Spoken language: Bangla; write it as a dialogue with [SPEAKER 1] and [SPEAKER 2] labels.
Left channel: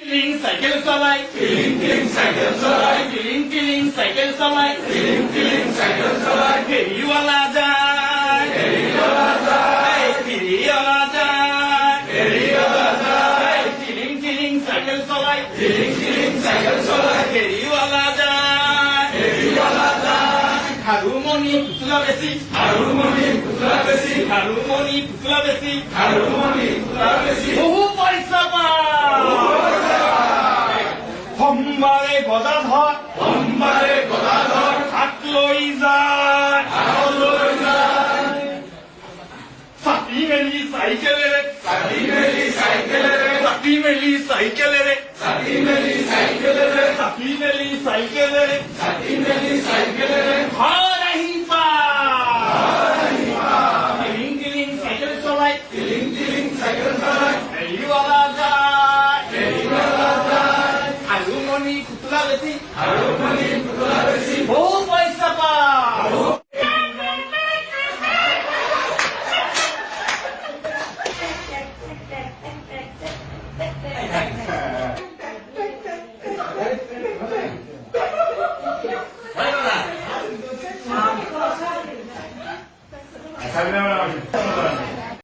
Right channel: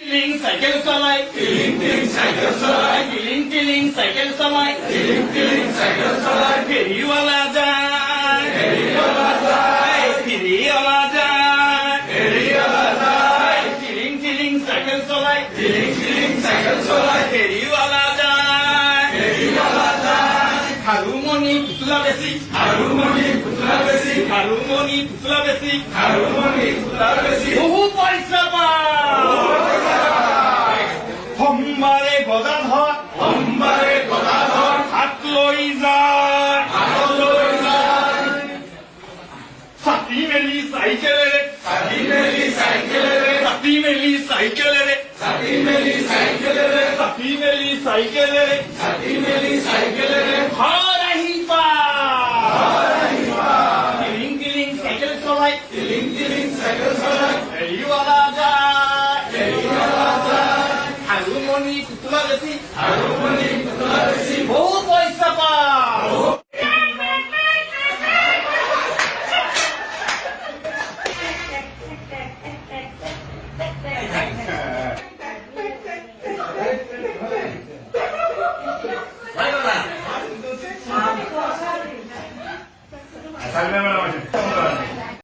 [SPEAKER 1] টিলিং সাইকেল চালাই। টিলিং টিলিং সাইকেল চালাই। টিলিং টিলিং সাইকেল চালাই। টিলিং টিলিং সাইকেল চালাই। ফেরিওয়ালা যায়। ফেরিওয়ালা যায়। ফেরিওয়ালা যায়। ফেরিওয়ালা যায়। টিলিং টিলিং সাইকেল চালাই। টিলিং টিলিং সাইকেল চালাই। ফেরিওয়ালা যায়। ফেরিওয়ালা যায়। হারুমনি পুতলা বেশি। হারুমনি পুতলা বেশি। হারুমনি পুতলা বেশি। হারুমনি পুতলা বেশি। বহু পয়সা পায়। সোমবাৰে গদাধৰ সোমবাৰে গদাধৰ হাত লৈ যায় হাত লৈ যায় চাপি মেলি চাইকেলেৰে চাপি মেলি চাইকেলেৰে চাপি মেলি চাইকেলেৰে চাপি মেলি চাইকেলেৰে চাপি মেলি চাইকেলেৰে চাপি মেলি চাইকেলেৰে ঘৰ আহি মনি পুতলা বেশি মনি পুতলা বেশি বহু পয়সা পা Thank you.